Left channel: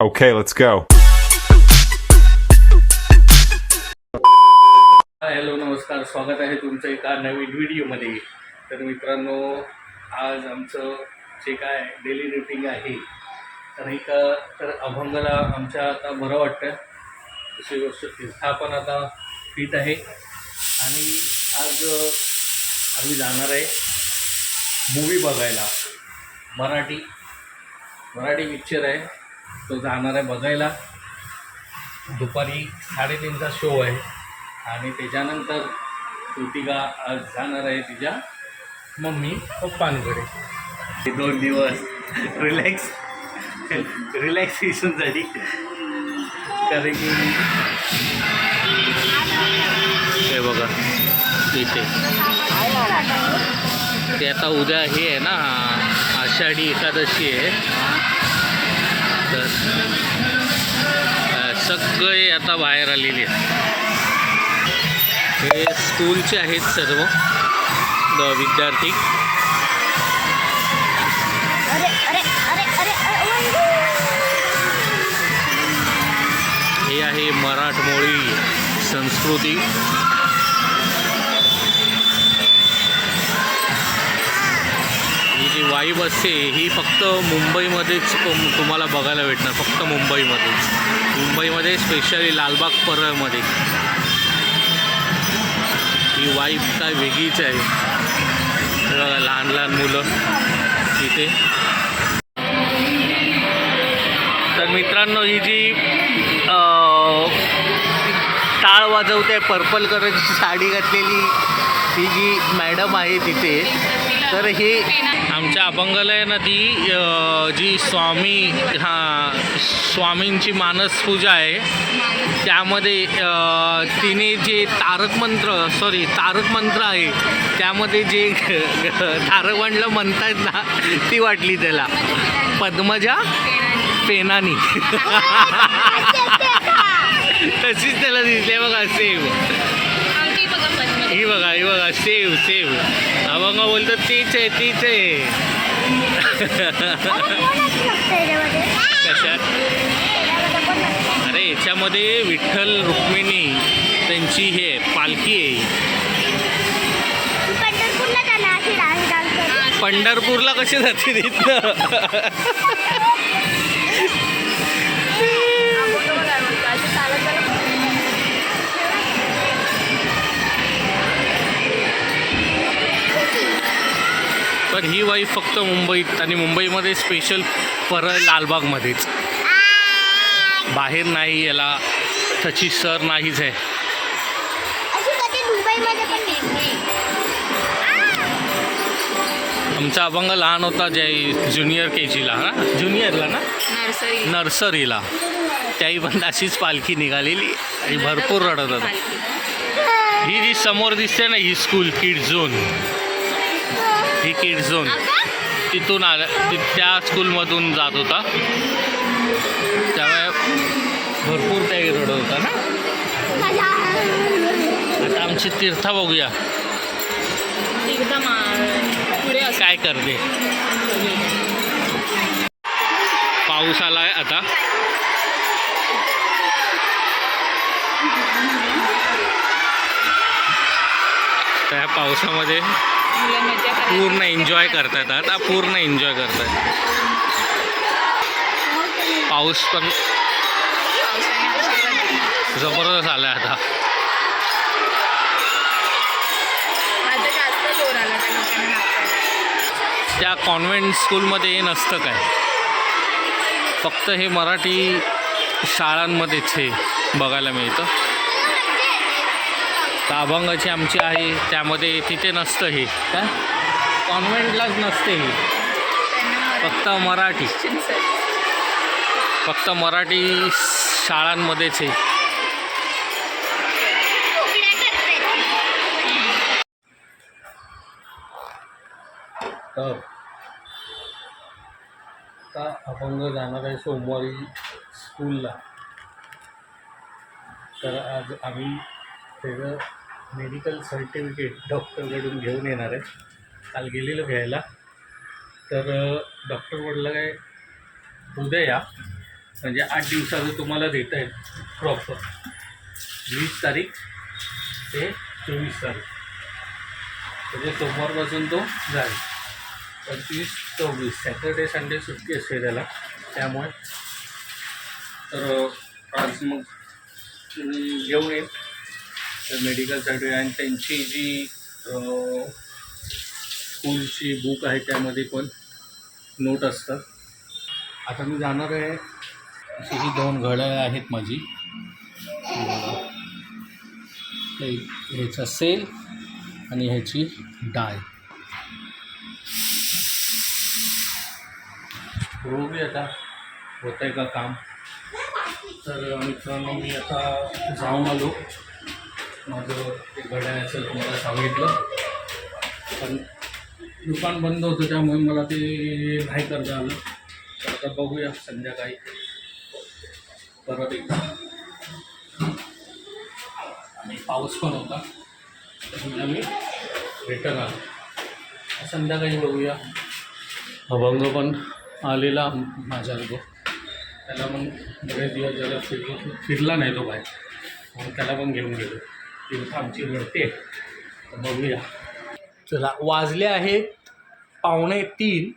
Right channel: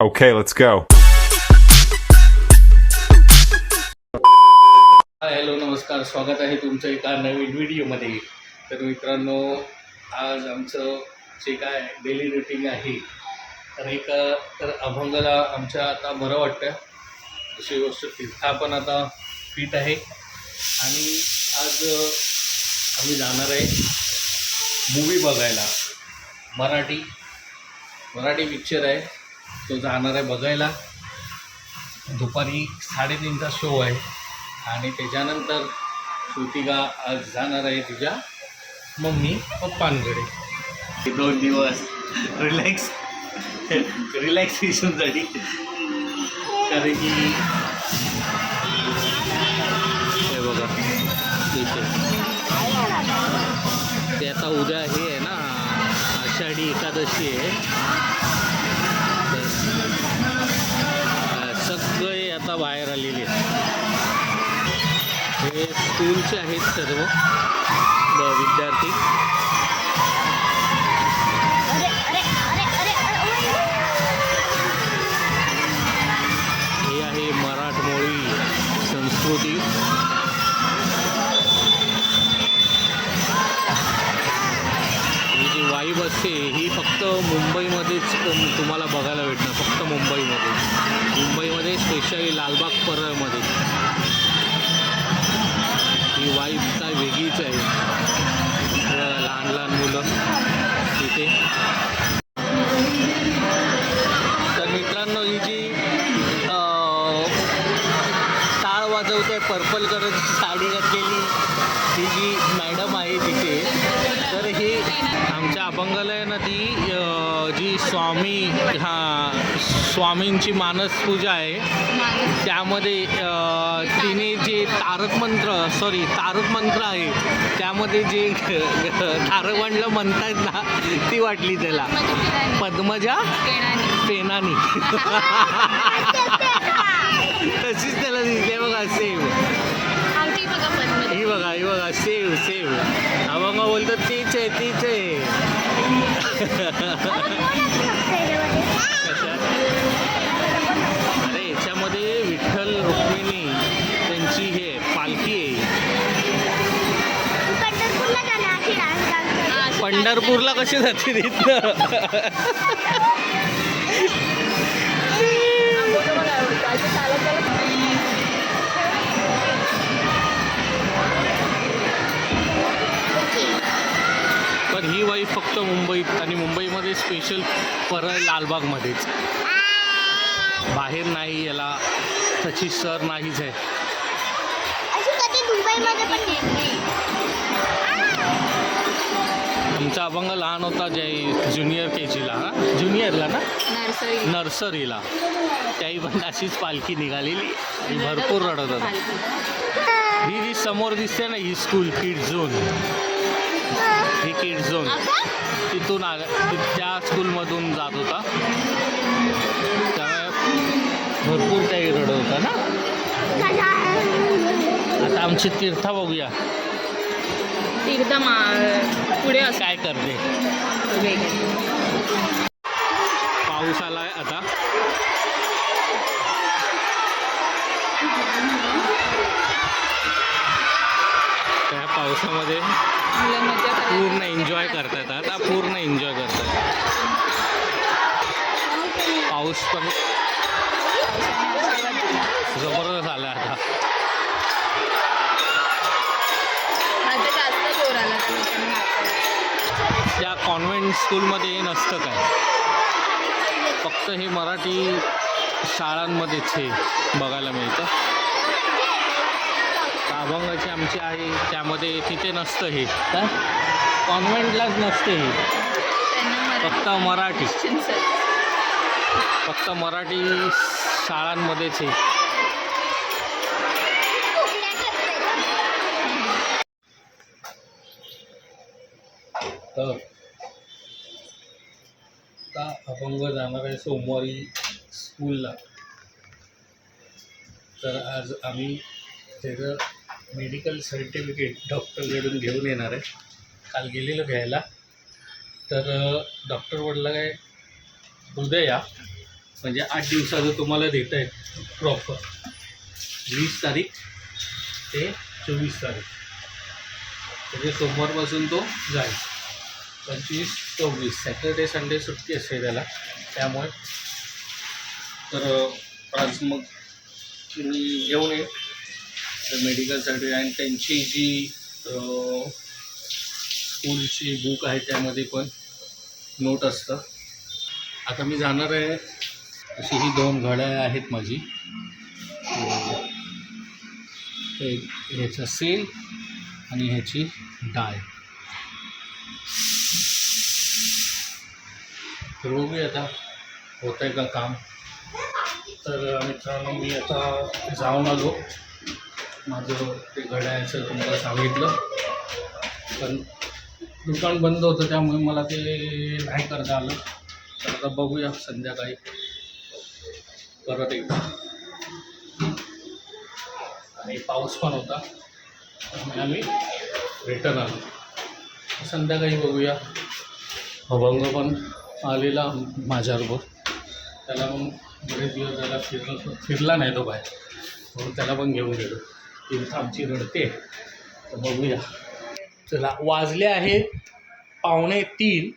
Okay, let's go. Hello नमस्कार, स्वागत आहे तुमचं एका नवीन व्हिडिओमध्ये. तर मित्रांनो, आज आमचं जे काय डेली रुटीन आहे तर अभंगाला आमच्या आता बरं वाटतं. दुसरी गोष्ट तीर्था पण आता फिट आहे आणि आज आम्ही जाणार आहे मूवी बघायला. मराठी पिक्चर आहे, तो जाणार आहे बघायला. दुपारी 3:30चा शो आहे आणि त्याच्यानंतर श्रुतिका आज जाणार आहे तिच्या मम्मी पप्पांकडे. 2 दिवस रिलॅक्सेशनसाठी, कारण की हे बघा इथे ते आता उद्या हे आहे ना, आषाढी एकादशी आहे. तर सगळे आता बाहेर आलेले आहेत. हे स्कूलचे आहेत सर्व विद्यार्थी. हे आहे मराठमोळी संस्कृती. ही जी वाईब असते ही फक्त मुंबईमध्येच तुम्हाला बघायला भेटणार, फक्त मुंबईमध्ये स्पेशली लालबाग परळमध्ये ही वाईब काय वेगळीच आहे. लहान लहान मुलं इथे. तर मित्रांनो, ही जी टाळ वाजवते पर्पल कलरची साडी घातलेली ती जी मॅडम आहे तिथे, तर हे आमच्या अभंगाला आहे ना, ती जी स्वामींची मानस पूजा आहे त्यामध्ये तिने जे तारक मंत्र आहे त्यामध्ये जे तारक मंत्र म्हणतात ना, ती वाटली त्याला पद्मजा पेनानी. तशीच त्याला दिसते बघा, सेव. ही बघा सेव. अभंग बोलतो तीच आहे. कशात? अरे याच्यामध्ये विठ्ठल रुक्मिणी त्यांची हे पालखी आहे. पंढरपूरला कसे जाते तिथं? पण ही वाईफ फक्त मुंबईत आणि मुंबईमध्ये स्पेशल परळ लालबागमध्येच, बाहेर नाही. याला त्याची सर नाहीच आहे. आमचा अभंग लहान होता ज्युनियर KGला ज्युनियरला ना, नर्सरीला, त्याही पण अशीच पालखी निघालेली आणि भरपूर रडत होता. ही जी समोर दिसते ना, ही स्कूल किड झोन, तिथून त्या स्कूलमधून जात होता, त्यामुळे भरपूर काही रडत होता ना. आता आमची तीर्था बघूया काय करते. पाऊस आलाय आता. त्या पावसामध्ये पूर्ण एन्जॉय करतायत. पाऊस पण जबरदस्त आलाय आता. त्या कॉन्व्हेंट स्कूलमध्ये हे नसतं काय, फक्त हे मराठी शाळांमध्येच हे बघायला मिळतं. तर अभंगाची आमची आहे त्यामध्ये तिथे नसतं हे, काय कॉन्व्हेंटलाच नसते हे, फक्त मराठी शाळांमध्येच हे. तर आता अभंग जाणार आहे सोमवारी स्कूलला. तर आज आम्ही त्याचं मेडिकल सर्टिफिकेट डॉक्टरकडून घेऊन येणार आहे. काल गेलेलो घ्यायला, तर डॉक्टर म्हटलं काय उद्या या, म्हणजे 8 दिवसाचं तुम्हाला देतं आहे प्रॉपर. 20 तारीख ते 24 तारीख म्हणजे सोमवारपासून तो जाईल. 25-24 सॅटर्डे संडे सुट्टी असते त्याला. त्यामुळे तर आज मग मी घेऊन येईन मेडिकलसाठी. आणि त्यांची जी स्कूलची बुक आहे त्यामध्ये पण नोट असतं. आता मी जाणार आहे. अशी ही 2 घड्याळ आहेत माझी. एक ह्याचा सेल आणि ह्याची डाय. बघूया आता होत आहे का काम. तर मित्रांनो मी आता जाऊन आलो. माझं ते घड्याळाचं तुम्हाला सांगितलं, पण दुकान बंद होतं त्यामुळे मला ते नाही करता आलं. तर आता बघूया संध्याकाळी परत एकदा. आणि पाऊस पण होता त्यामुळे आम्ही रिटर्न आलो. संध्याकाळी बघूया. अभंग पण आलेला माझ्याबरोबर. त्याला पण बरेच दिवस झाला फिरला नाही तो बाहेर, म्हणून त्याला पण घेऊन गेलो. तीर्थ आमची रडते. तर बघूया. चला, वाजले आहेत 2:45.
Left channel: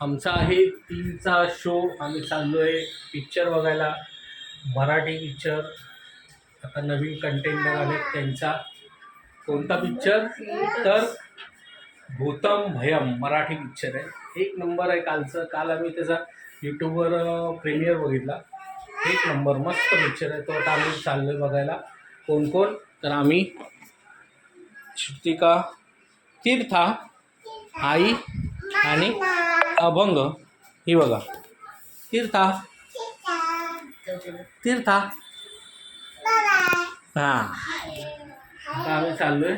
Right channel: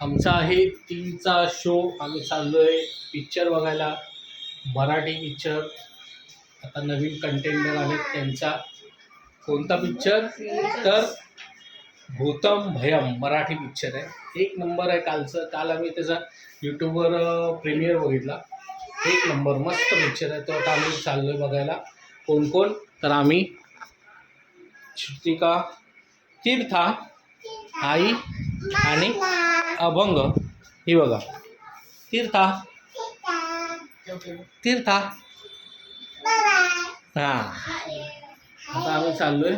आमचा आहे 3चा शो. आम्ही चाललो आहे पिक्चर बघायला, मराठी पिक्चर. आता नवीन कंटेंटर आले त्यांचा. कोणता पिक्चर? तर भूतम भयम मराठी पिक्चर आहे. 1 नंबर आहे. काल आम्ही त्याचा यूट्यूबवर प्रीमियर बघितला. 1 नंबर मस्त पिक्चर आहे तो. आता आम्ही चाललो आहे बघायला. कोण कोण? तर आम्ही, श्रुतिका, तीर्था, आई आणि अभंग. ही बघा तीर्था. हां, आता आम्ही चाललो आहे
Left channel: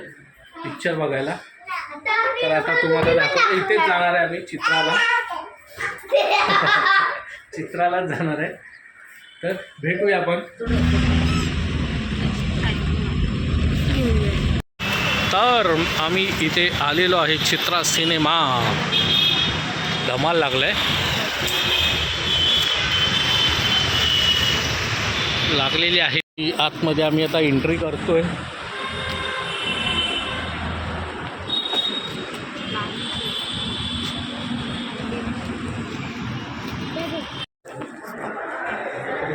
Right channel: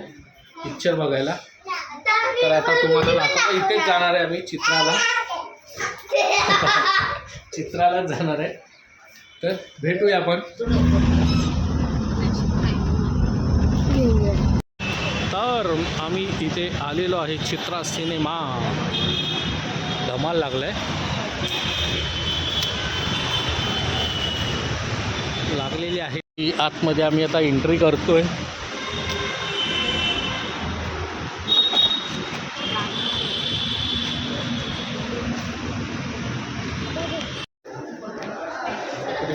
पिक्चर बघायला. तर आता तुम्हाला दाखवतो. इथेच जाणार आहे आम्ही चित्रालाच जाणार आहे. तर भेटूया आपण. तर आम्ही इथे आलेलो आहे चित्रा सिनेमा. धमाल लागलाय. लागलेली आहे. आतमध्ये आम्ही आता एंट्री करतोय.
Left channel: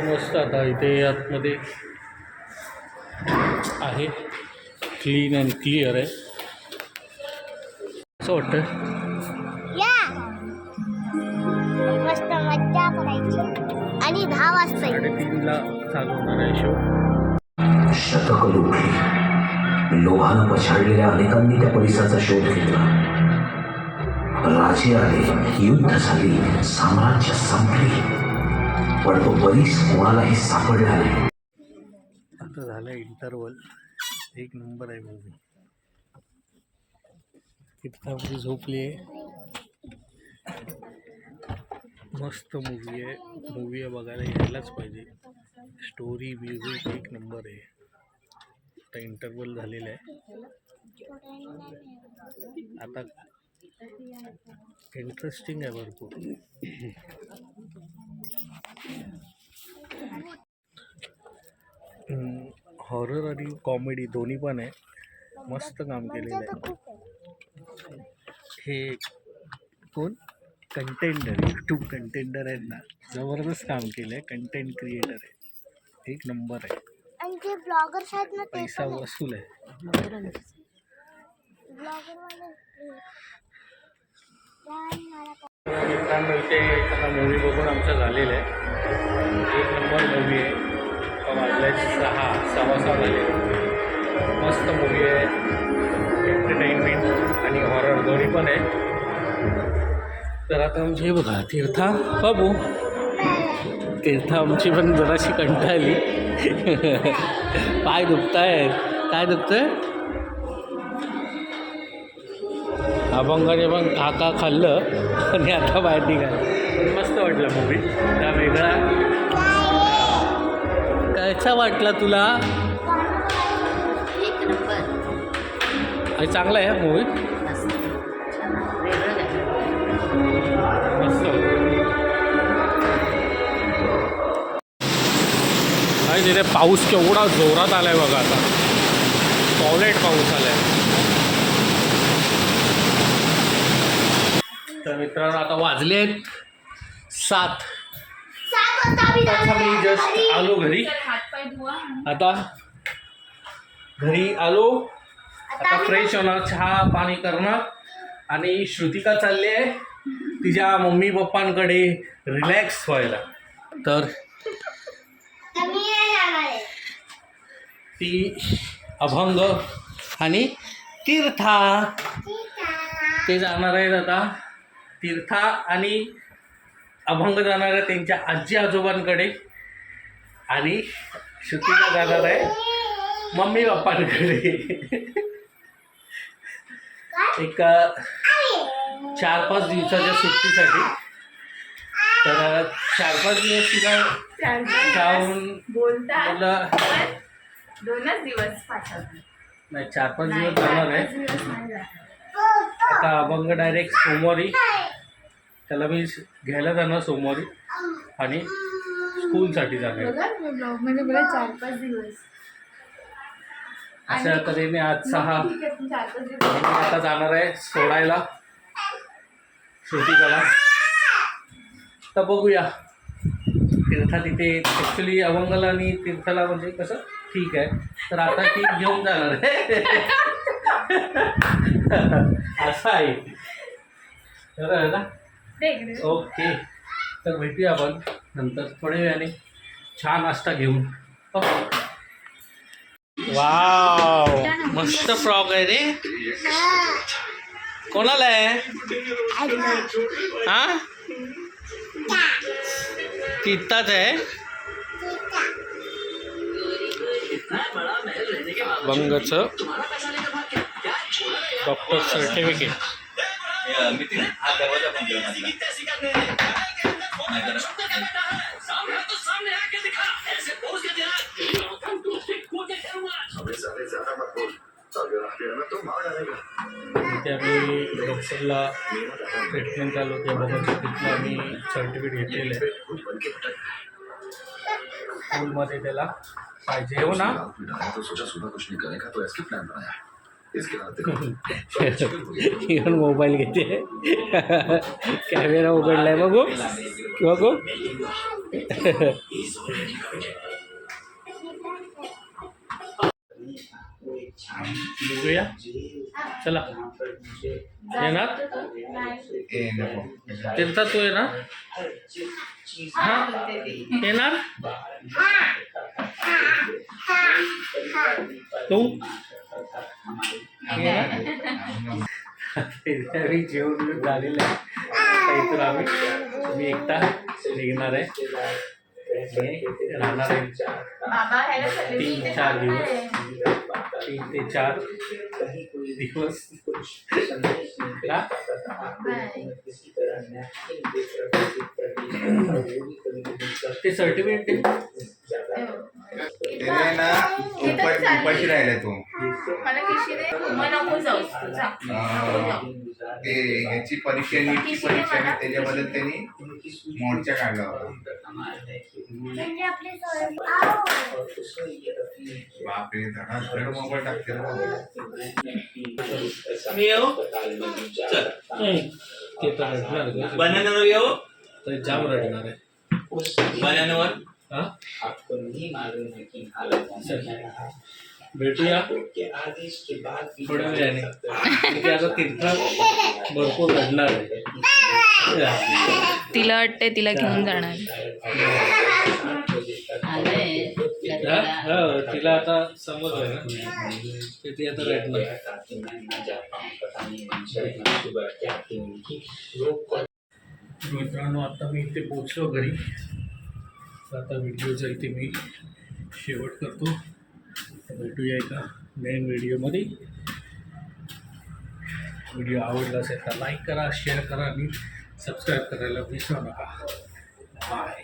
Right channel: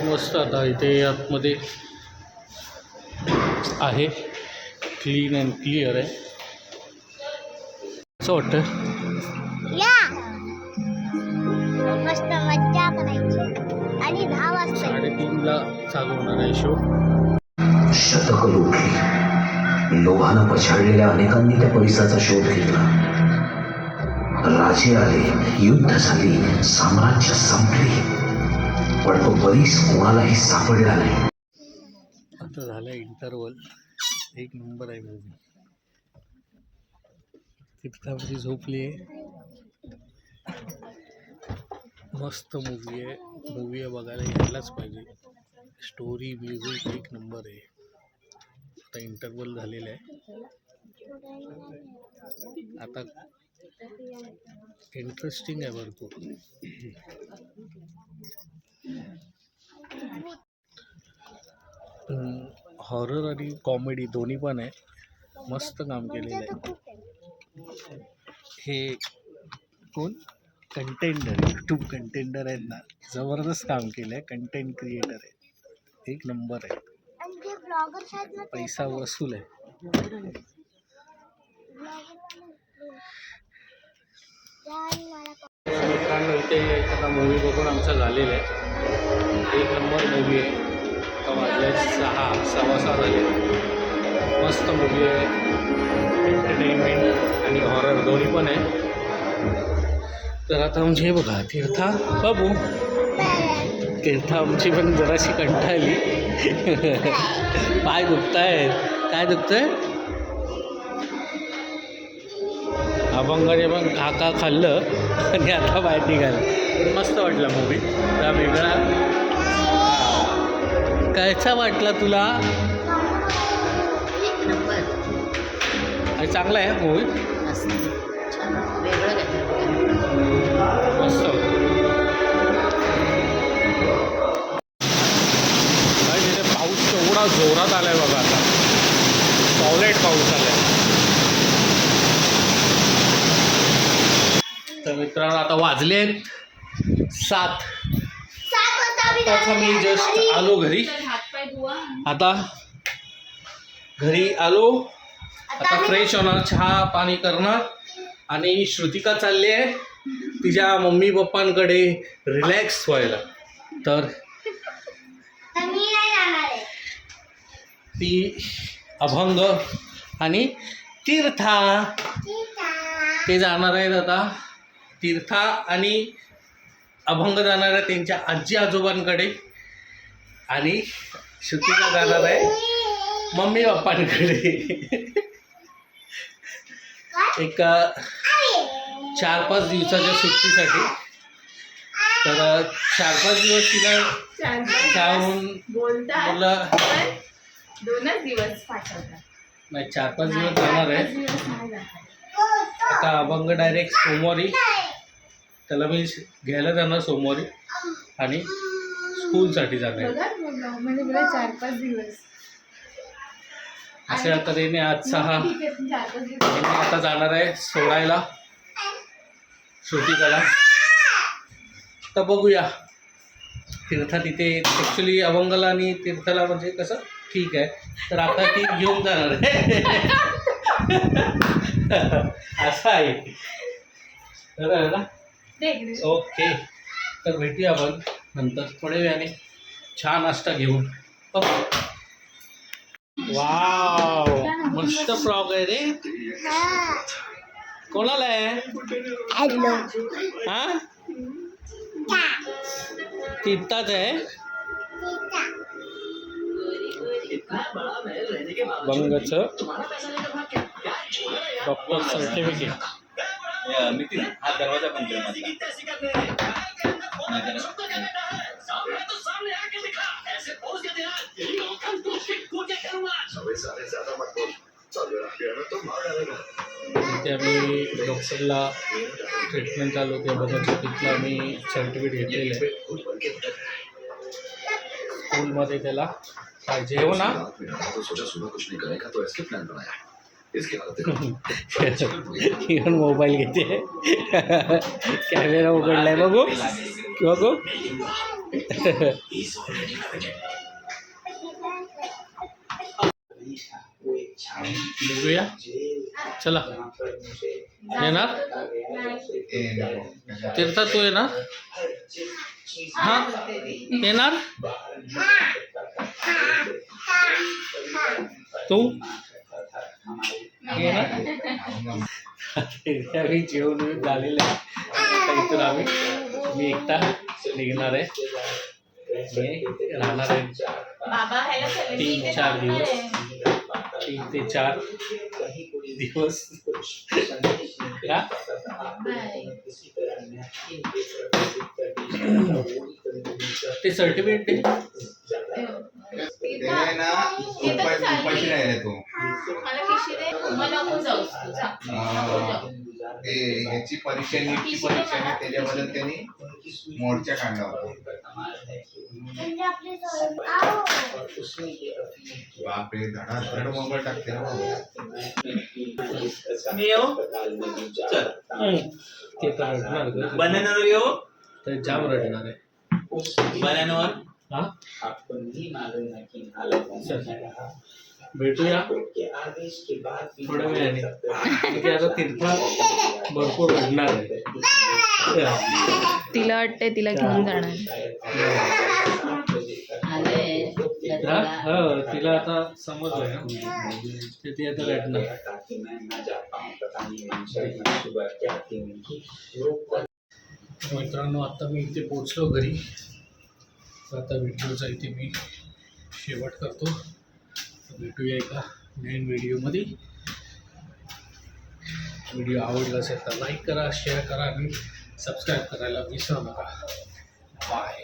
मस्त. आता इथे आतमध्ये आहे, क्लीन अँड क्लिअर आहे. असं वाटतं मस्त मज्जा करायची. आणि 10 वाजता 3:30ला चालू होणार आहे शो. शतक लुटली. लोहानं पछाडलेल्या अनेकांनी त्या परिसराचा शोध घेतला. राजे आले, युद्ध झाली, साम्राज्य संपली, पण तो बरीच कोणालाही सापडला नाही. आता झालं इंटरवल. 1 नंबर आहे मूवी. तीर्थावरती झोपली आहे. मस्त मूवी आहे बघायला यायलाच पाहिजे. स्टोरी, म्युझिक 1 नंबर आहे. आता इंटरवल झालेलं आहे. आता इंटरेस्टिंग आहे भरपूर. हॉरर आणि कॉमेडी दोन्ही पण आहे. मस्त काम केलेलं आहे. हे कोण? कंटेंडर, यूट्यूब कंटेंडर आहेत ना, जबरदस्त काम केलं आहे. कंटेंट क्रिएटर आहे. 1 नंबर आहे. पैसा वसूल आहे. मित्रांनो, ते आता मूवी बघून आमचं झालेलं आहे. 1 नंबर मूवी आहे. आता वाजले 6:15 झाले. मस्त मूवी आहे. एंटरटेनमेंट आणि हॉरर दोन्ही पण आहे. तर आता आमची हे बघा तीर्था बाबू. तीर्था आमची पण जराशी कंटाळली. पाय दुखतायत. काय दुखतंय? अभंगाने पण काका खाल्लं आणि आता बाहेर निघालं. पण मस्त वाटला मूवी. त्या वेगळा. कायचा वाटला तुला? चांगला आहे मूवी. मस्त. पाऊस केवढा जोरात आलाय बघा आता. टॉयलेट पाऊस आलाय. तर मित्रांनो आता वाजले आहेत 7. आता मी जस्ट आलो घरी. आता घरी आलो. आता फ्रेश होणार, चहा पाणी करणार आणि श्रुतिका चालली आहे तिच्या मम्मी पप्पांकडे रिलॅक्स व्हायला. तर ती अभंग आणि तीर्था ते जाणार आहेत. आता तीर्था आणि अभंग जाणार आहे त्यांच्या आजी आजोबांकडे आणि श्रुतिका जाणार आहे मम्मी पप्पांकडे. एक 4-5 दिवसाच्या सुट्टीसाठी. तर 4-5 दिवस तिला जाऊन बोलला 2च दिवस पाठवतात. नाही 4-5 दिवस जाणार आहे. आता अभंग डायरेक्ट सोमवारी त्याला मी घ्यायला जाणार सोमवारी आणि स्कूलसाठी जाणार. म्हणजे मला 4-5 दिवस अशा तऱ्हेने आज 6 मी आता जाणार आहे सोडायला श्रुतिकाला. तर बघूया तीर्था तिथे ॲक्च्युली अभंगला आणि तीर्थाला म्हणजे कसं ठीक आहे. तर आता ती घेऊन जाणार आहे असं आहे. बरं ना. ओके. तर भेटूया आपण नंतर थोड्या वेळाने छान नाश्ता घेऊन. ओके. वाव मस्त फ्रॉक आहे रे. कोणाला आहे हा? तिथाच आहे. बंगचं डॉक्टर सर्टिफिकेट. हा दरवाजा बंद कर मधला. इथे आम्ही डॉक्टरला ट्रीटमेंट चालू होते बघत तिथलं आम्ही सर्टिफिकेट घेतलेलं आहे. स्कूलमध्ये त्याला पाहिजे हो ना. इवन मोबाईल घेते कॅमेरा उघडलाय बघू बघू. बघूया चला. येणार तीर्था तू येणार हा येणार तू येणार. जेवण झालेलं आहे. आता इथून मी एकटा निघणार आहे. राहणार आहे 3-4 दिवस. 3 ते 4 दिवस. ते सर्टिफिकेट उपाशी राहिला तो. मला किशी दे. मला नको जाऊ. याची परीक्षा नीटची परीक्षा आहे त्याच्याबद्दल त्यांनी मोर्चा काढला होता. बापरे धडाधड मोबाईल टाकते ना बनानावर येऊ. तर जाम रडणार आहे बनानावर. हा भेटूया थोड्या वेळाने. तिथे आता तीर्था भरपूर रडणार आहे. तिला वाटतंय तिला घेऊन जाणार. तिला आता समजलं ना ते ती आता रडणार. मित्रांनो आता मी इथे पोचलो घरी. आता व्हिडिओचा इथे मी शेवट करतो. भेटूया एका मेन व्हिडिओमध्ये. व्हिडिओ आवडला असेल तर लाईक करा, शेअर करा आणि सबस्क्राईब करायला विसरू नका. बाय.